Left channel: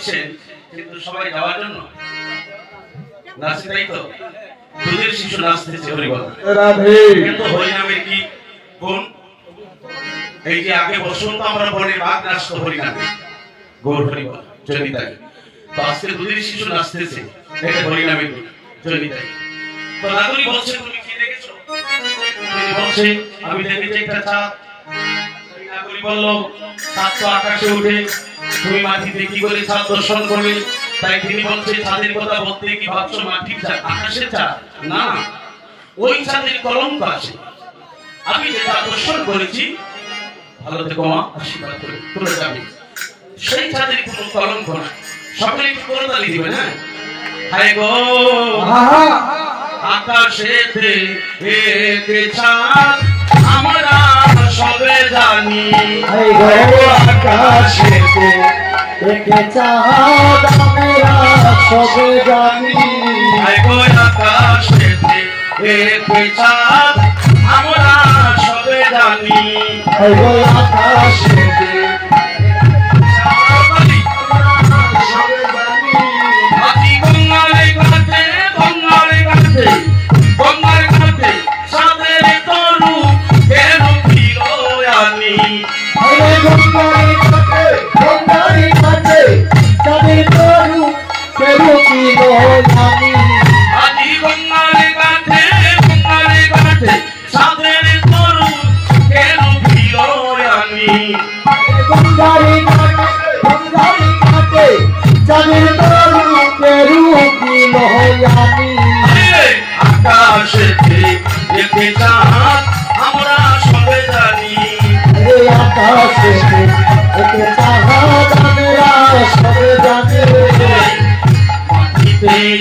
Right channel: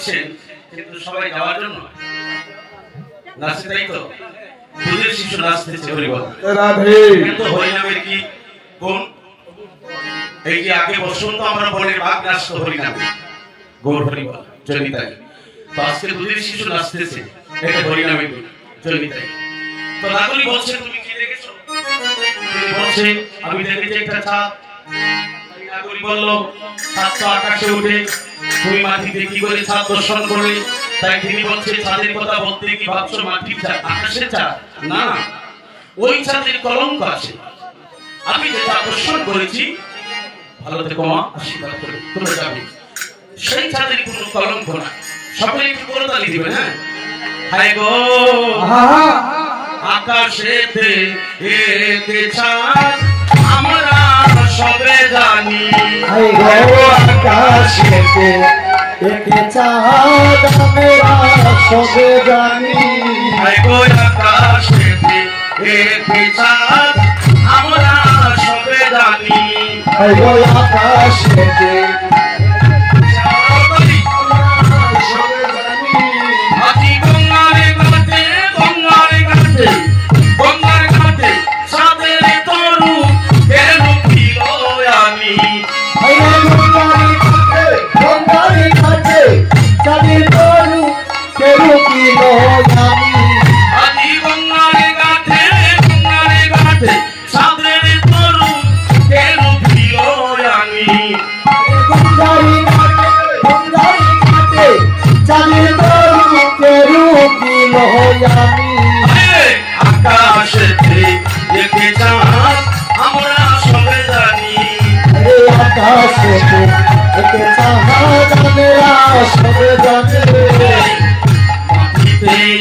দিচ্ছেন কিন্তু সবাই যাওয়ার জন্য নাচে, তাই তো? দুধের শিশু নাচতেছে হরিবল রাধে। কিন্তু হরিনামে কি গুণ? এই যে আগে বসন্ত আমরা বলে বাঘ নাচতো হরিনামে, গৌর হরিবল জয়নিতাই। তো আজকে দুধের শিশু নাচতেছে, এটা হরিনামে গুণ জয়নিতাই। তো রাধুনি বলছেন তুমি কি দেখেছো? তিনি বলছেন আমি দেখেছি একটা চাঁদ। রাধুনি বলল চাঁদ তো আকাশে ওঠে, তুমি মাটিতে কি করে চাঁদ দর্শন করলে? তাই তিনি বলছেন চাঁদের কথা বলতে কি ভাবছো মাটির চাঁদ আকাশের চাঁদ? না, ওই চাঁদের কলঙ্ক আছে। আমি যেটা দর্শন করেছি, ভালো থেকো মা, আশীর্বাদ করে তোমরা যাবে, সেই চাঁদের কোনো কলঙ্ক না। সকলে একটু করতালি দিবে। হ্যাঁ, হায় গো আকাশেতে এক চাঁদ আমরা সবে জানি, হায় গো আকাশেতে এক চাঁদ আমরা সবে জানি, হায় গো আকাশেতে এক চাঁদ আমরা সবে জানি, হায় গো আকাশেতে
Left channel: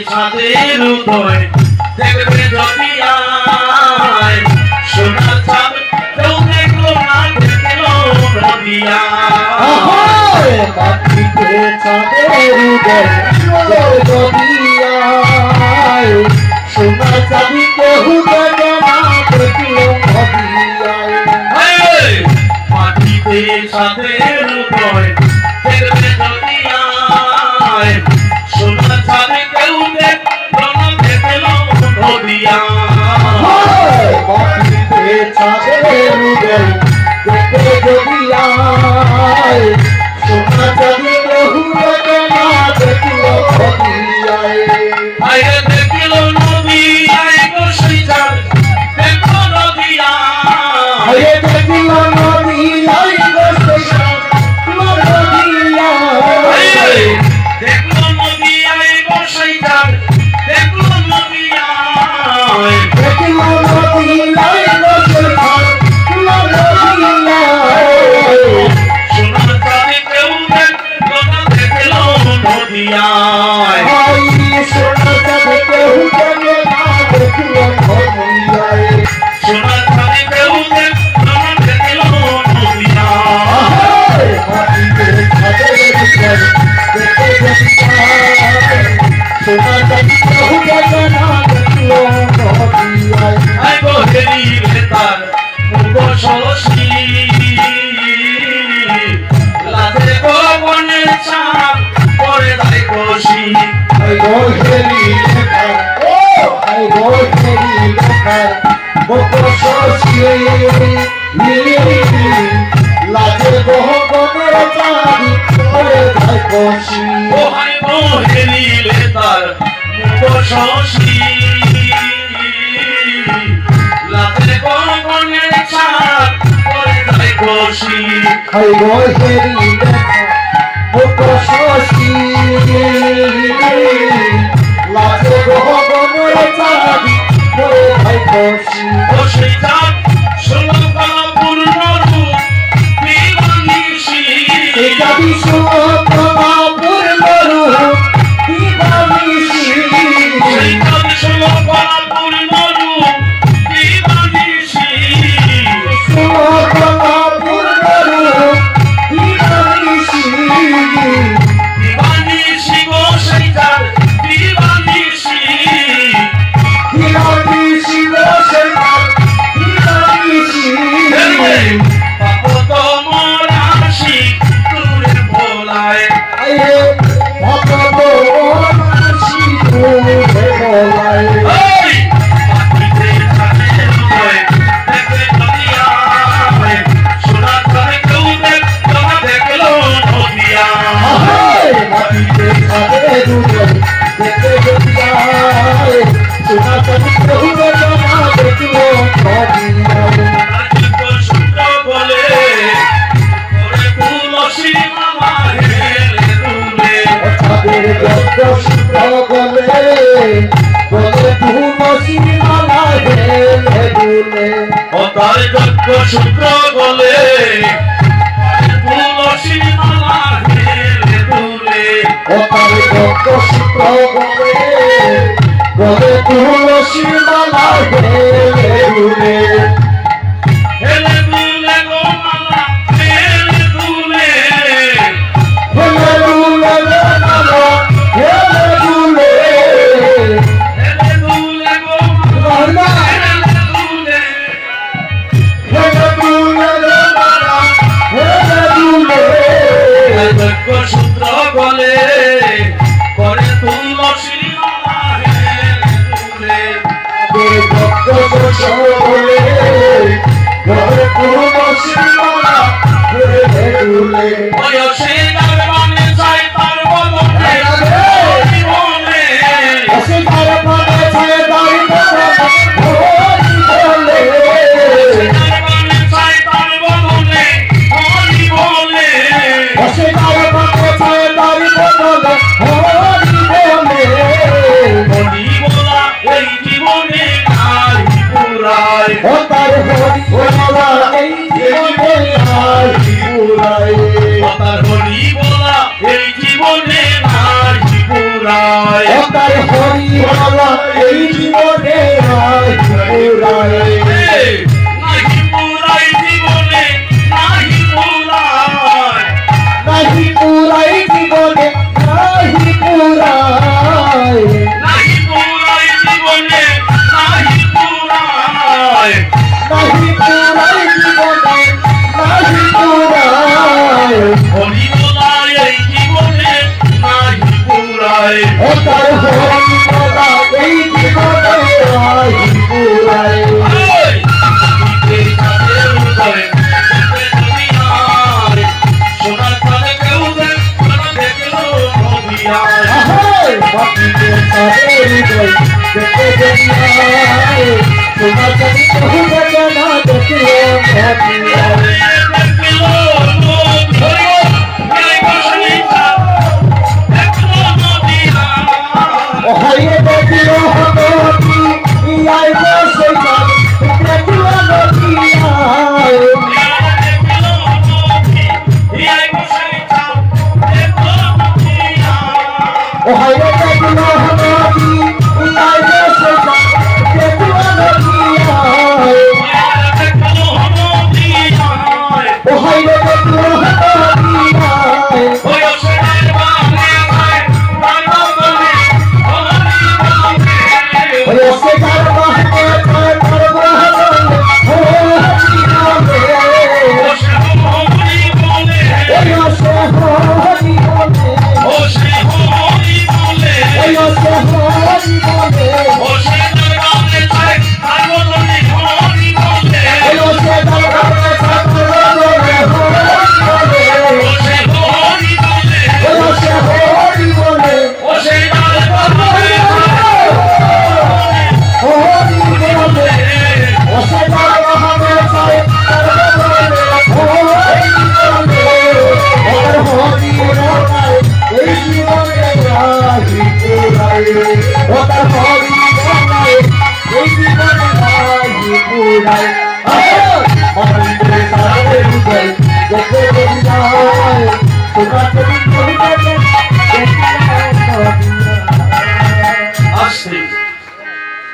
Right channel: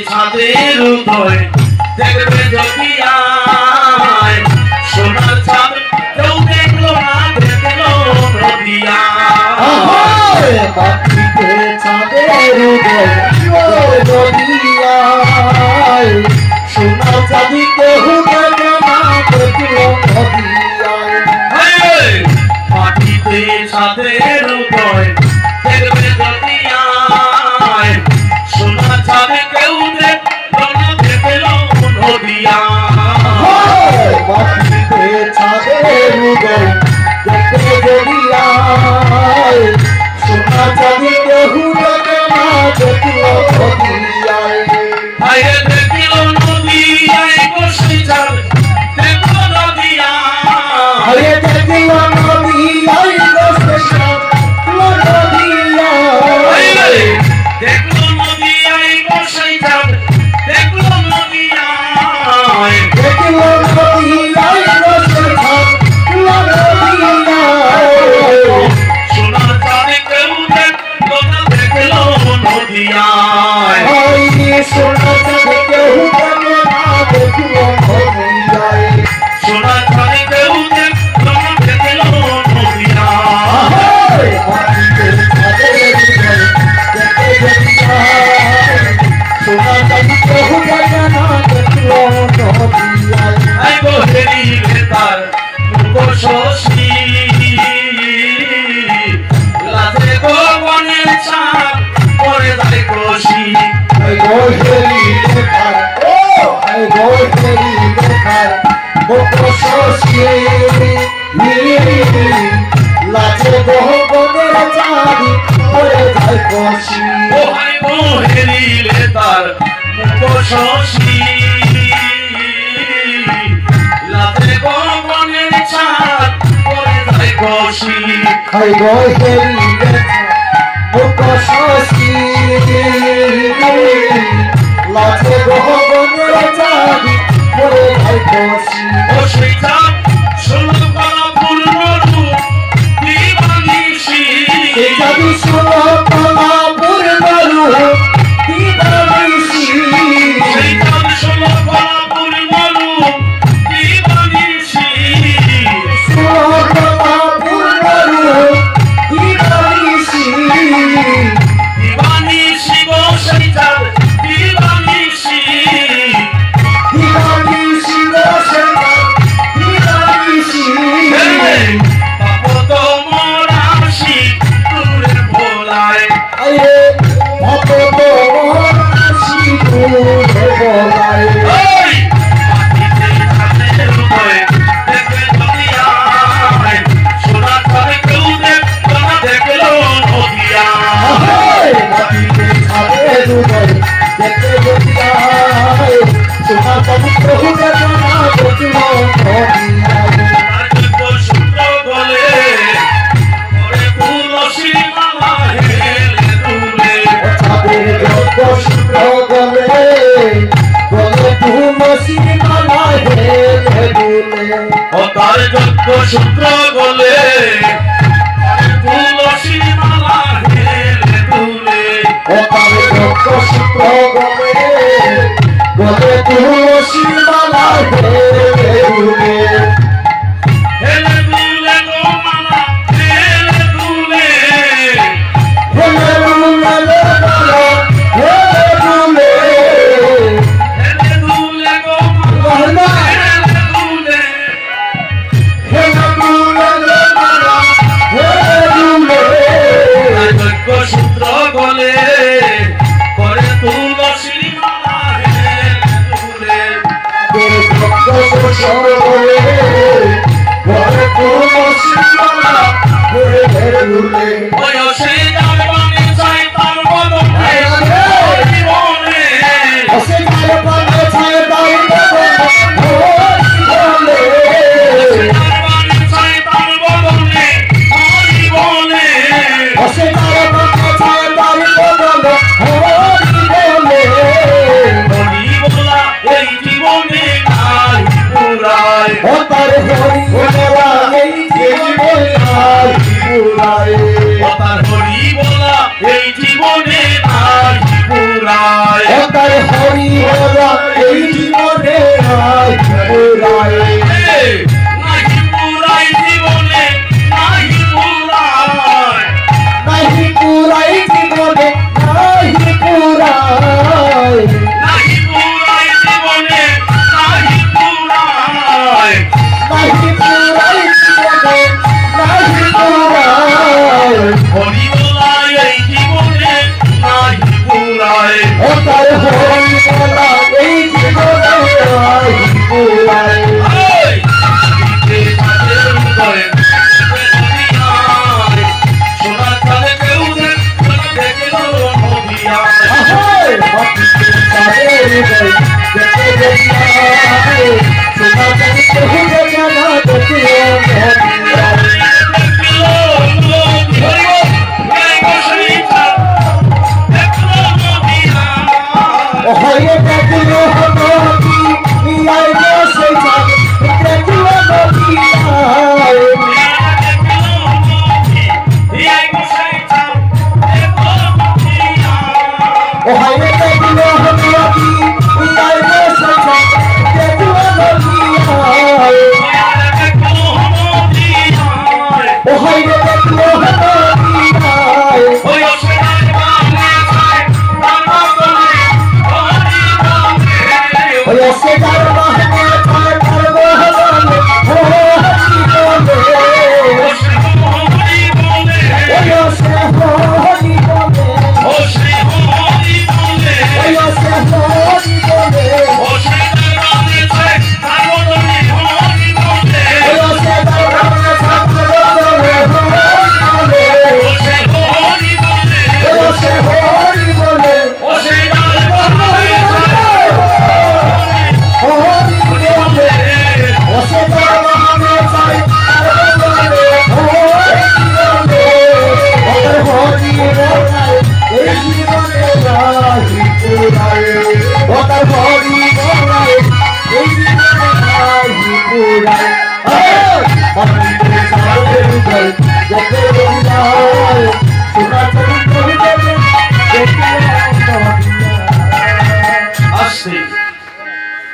ছাদের উদয় দেখবে যদি আয়, সোনার চাঁদ কেউ দেখলো না, দেখলো নদিয়া। মাটিতে চাঁদের উদয় যদি আয়, সোনার চাঁদ কেউ দেখে না, দেখলো নদিয়ায়। মাটিতে চাঁদের উদয় দেখবে যদি আয়, সোনার চাঁদ কেউ দেখলো না, দেখলো নদিয়া। মাটিতে চাঁদের উদয় দেখবে যদি আয়, সোনার চাঁদ কেউ দেখে না, দেখলো নদিয়ায়। আরে দেখলো নদিয়ায় গো সেই চাঁদ, দেখলো নদিয়ায়। আরে দেখলো নদিয়ায় গো সেই চাঁদ, নদিয়ায়। দেখলো নদিয়ায় গো সেই চাঁদ, দেখলো নদিয়ায়। দেখলো নদিয়ায় গো সেই চাঁদ, নদিয়ায়। সোনার চাঁদ কেউ দেখলো না, দেখলো নদিয়ায়। সোনার চাঁদ কেউ দেখে না, দেখলো নদিয়ায়। সোনার চাঁদ কেউ দেখলো না, দেখলো নদিয়ায়। মাটিতে চাঁদের উদয় দেখবে যদি আয়, সোনার চাঁদ কেউ দেখে না, দেখলো নদিয়ায়। আই গো হেরিলে তার মুখ শশী, রাতে গো বনের চাঁদ পরে যায় খুশি। I go heli lekar, I go heli lekar, boko shoshi, laje boho boner chadi, pore jai koshi. O high গো হেরিলে তার মুখ শশী, রাতে গো বনের চাঁদ পরে যায় খুশি। I go heli lekar, boko shoshi, laje boho boner chadi, pore jai koshi. ও সেই চাঁদ ষোলো কলা পূর্ণ রূপ দিবানিশি, Jadi semua purnarul dibanisi, সেই চাঁদ ষোলো কলা পূর্ণ রূপ দিবানিশি। semua purnarul dibanisi, দিবানিশি গো সেই চাঁদ দিবানিশি, সূত্র বলে তুলসী মালা হেলে দুলে তার সূত্র বলে তুলসী মালা হেলে দুলে হেলে দুলে গো মালা হেলে দুলে হেলে দুলে গো মালা হেলে দুলে হেলে দুলে গো মালা হেলে দুলে হেলে দুলে গো মালা হেলে দুলে সূত্র বলে করে তুলসী মালা হেলে দুলে সূত্র বলে করে তুলসী মালা হেলে দুলে বয়সে যার মানে চাই তার বদলে জীবনে অসীমার পদে তাই বলে যার মানে চাই তার বদলে হরি বলে অসীমার পদে তাই বলে হরি বলা এই জীবনে নাই পুরায় ও তার হরি বলা এই জীবনে আর পুরাই তার হরি বলা এই জীবনে নাই পুরায় ও তার হরি বলা এই জীবনে আর পুরাই নাহি পুরাই জীবনে নাহি পুরায় নাহি পুরাই জীবনে নাহি পুরাই নাহি পুরাই জীবনে নাহি পুরায় নাহি পুরাই জীবনে নাহি পুরাই হরি বলা এই জীবনে নাহি পুরায় ও তার হরি বলা এই জীবনে আর পুরাই সোনা চালে কেউ দেখলো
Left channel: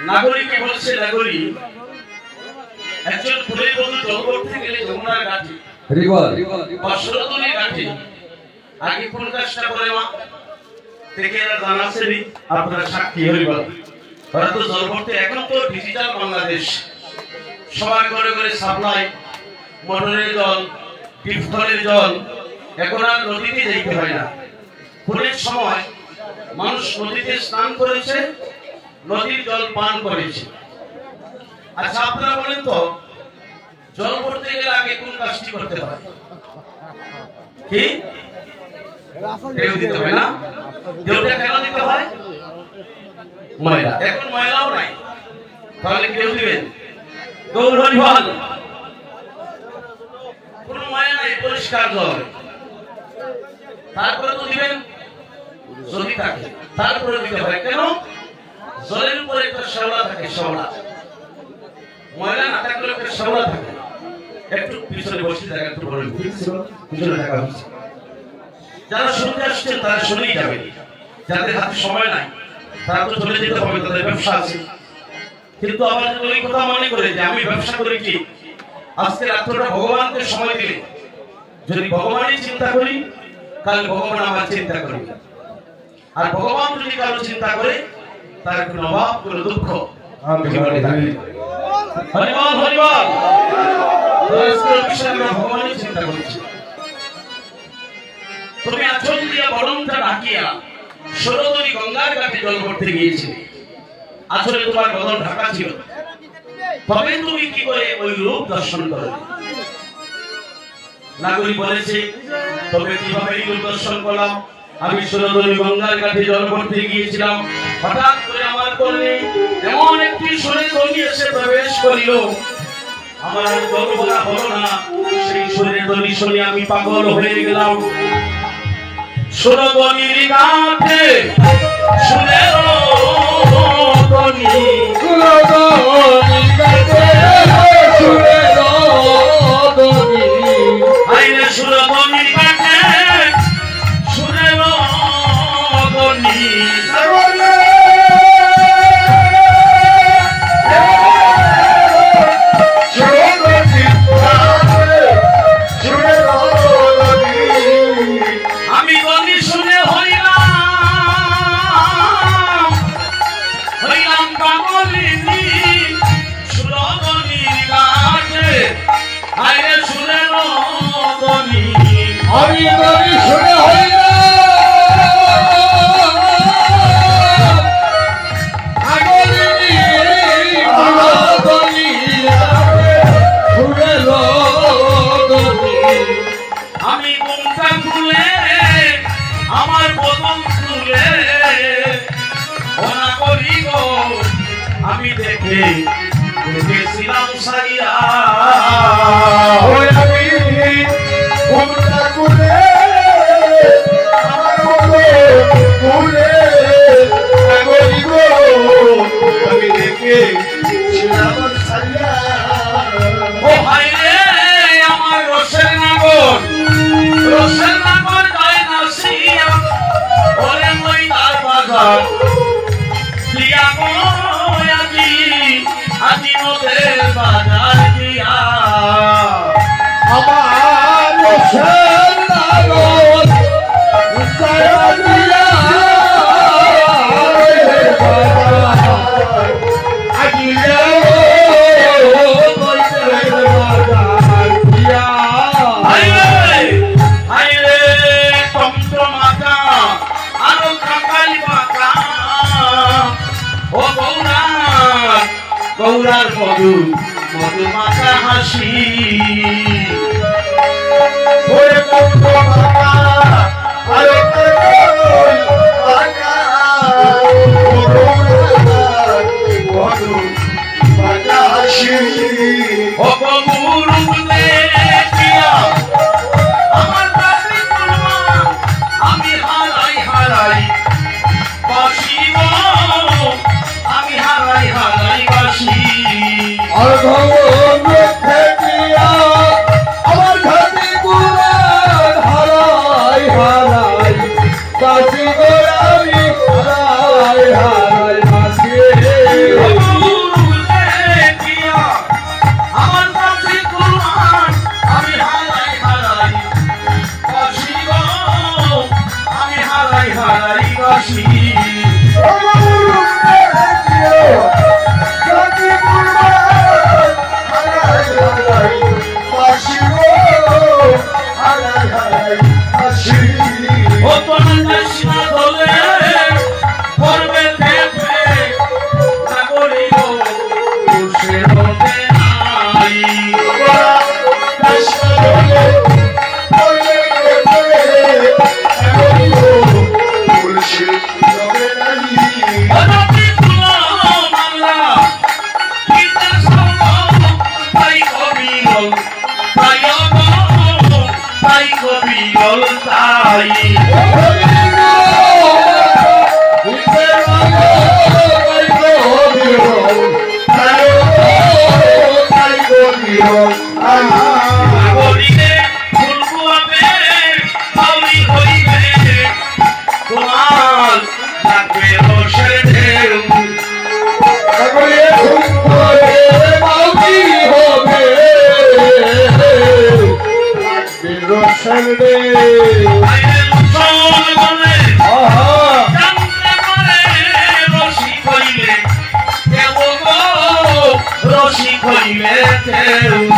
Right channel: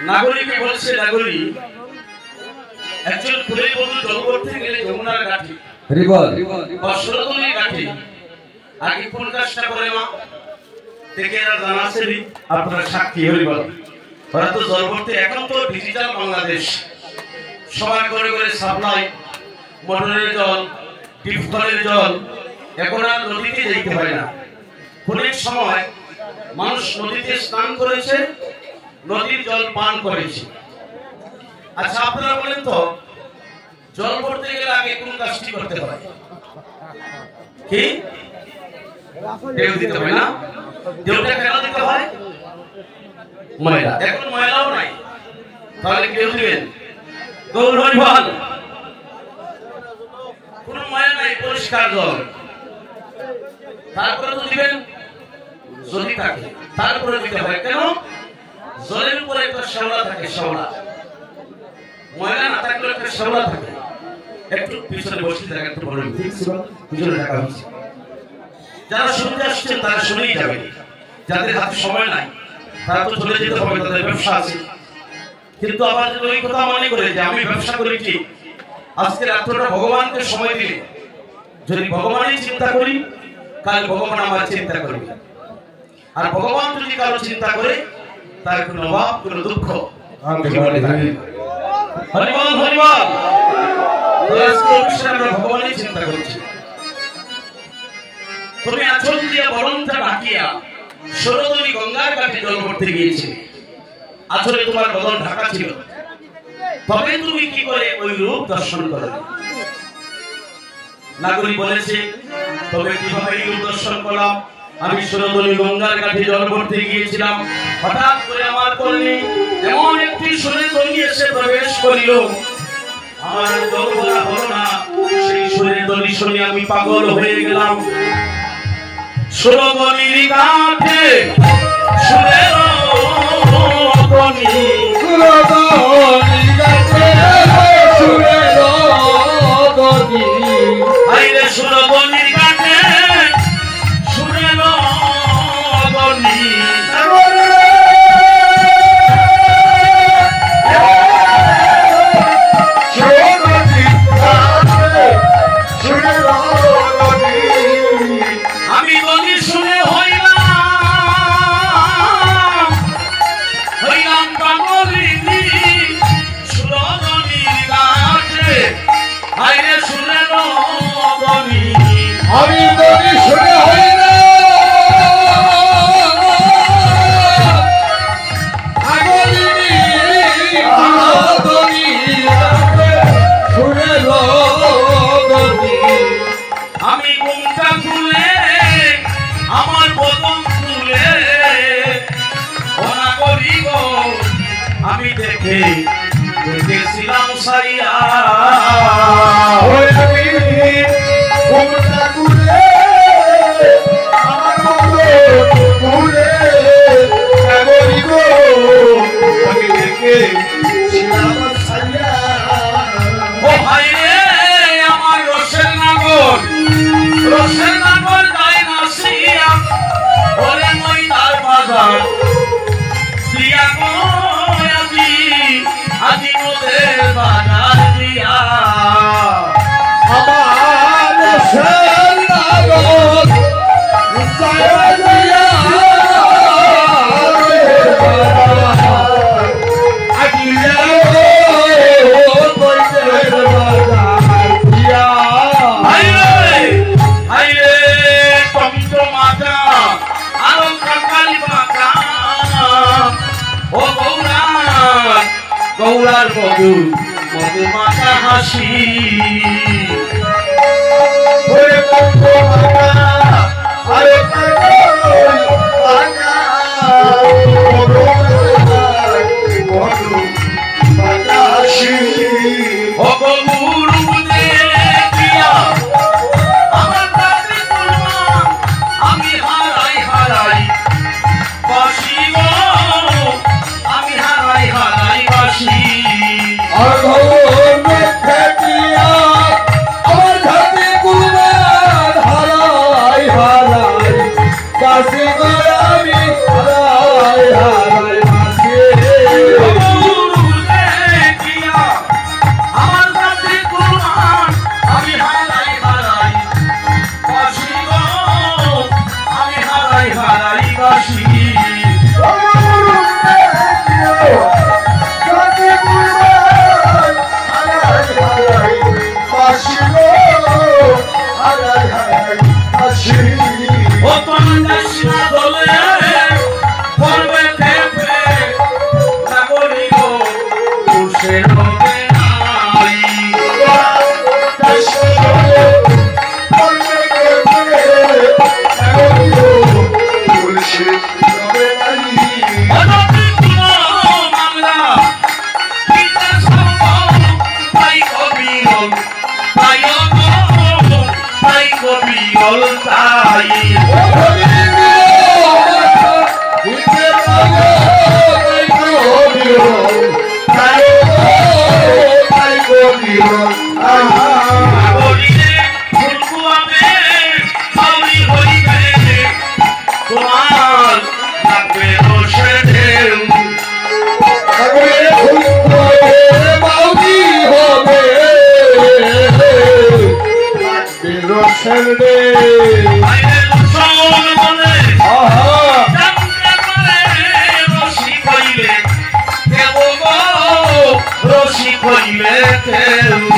নাগরিকে বলছে নাগরিক একজন পুরী বন্ধু জল করতে গেলে যমুনার ঘাটে বা সুরতলি ঘাটে আগে কোন কাজটা করে মা দেখে জানাচ্ছেন আপনারা সাক্ষী হইবার হয়তো জল করতে এখন তো ডিজিটাল বাংলাদেশ সবার ঘরে ঘরে সাপ্লাই মোটরের জল টিউবওয়েলের জল এখন আর নদীতে যেতে হয় না অনেক সময় মানুষ নদীতে স্নান করেছে নদীর জল পান করেছি। আচ্ছা আপনারা বলেন তো জল ভরতে গেলে আগে কোন কাজটি করতে হয়? কি ঢেউ দিতে হয় না? ঢেউটা কেন দিতে হয়? ময়লা, এখন ময়লাও নাই, তাহলে ঢেউ দিবেন? গৌর হরিবল, কোন ময়লা নাই, পরিষ্কার জল, তারপরে তো দিবেন যদি থাকে, তারপরে দিতে হয়। কেন? জলের উপরে একটা শ্যাওলা থাকে, শ্যাওলা, ময়লা না থাকলে একটা শ্যাওলা থাকে। একটু পিছনে বসে জায়গা একটু বড় পিছনে থাকা হচ্ছে। যারা শুনতে আসছেন তারা শুনেই যাবে, যাদের হাতে সময় নাই তারা তো চলে যেতে হবে, তাদের ব্যবসা আছে। কিন্তু আমার ওই কথা মনে করে যে আমি ব্যবসা করেছি, আজকে রাত্রটা ভগবানকে সময় দিলে যদি ভগবানই চিন্তা করি, কাল ভগবান আমার চিন্তা করবে। আর ভগবান যদি কারো চিন্তা করে তার কোনো অভাব, কোনো দুঃখ হরিবল হরিবল, ভগবানই চিন্তা করছে। তুমি আচল দিয়া বরণটা ঢাকিয়া সরোদনী গঙ্গার ঘাটে জল করতে গিয়েছে, আচলে তোমার বদন ঢাকা ছিল, তবে তুমি কি করে ওই রূপ দর্শন করো? নাগরিক বলেছে তবে কিভাবে এই রূপ দর্শন করলাম? আমি সরোদনী গঙ্গার ঘাটে জল করতে গিয়েছিলাম, হঠাৎ করে আমার কোলে এমন একটি সুরের ধ্বনি এসে প্রবেশ করিল। আমার গর্বটা হলো না, সেই সুরের ধ্বনি শুনে আমি পাগল হয়ে গেলাম। সরোদনীর ঘাটে সুরের ধ্বনি, সরোদনীর ঘাটে সুরের ধ্বনি, আইলে সরোদনীর ঘাটে সুরের ধ্বনি, আমি ধ্বনি শুনে হইলাম পাগলিনী। সরোদনীর ঘাটে আইলে সুরের ধ্বনি, আমি ধ্বনি শুনে আমি মুখটা খুলে আমার বদন খুলে ওনা করি গো, আমি দেখেছিলাম সাইয়া, মুখটা খুলে আমার বদন খুলে করি গো, আমি দেখেছিলাম সাইয়া। ও ভাই রে আমার রসের নাগর, রসের নাগর গায়ে নাসিয়া বলে মই তার বাজার দিয়া কই আজি, আজি নদের বাজার দিয়া আমার রসের নাগর গায়ে দিয়া আজি গৌরার মধু মধু মাতা হাসি, ওরে মধু মাতা আরে মধু মাতা হাসি, ও গুরু দেখিয়া আমার বাড়ি করলাম আমি হারাই হারাই বাসি গো, আমি হারাই হারাই বাসি। রবে নাই রসি কইলে কেউ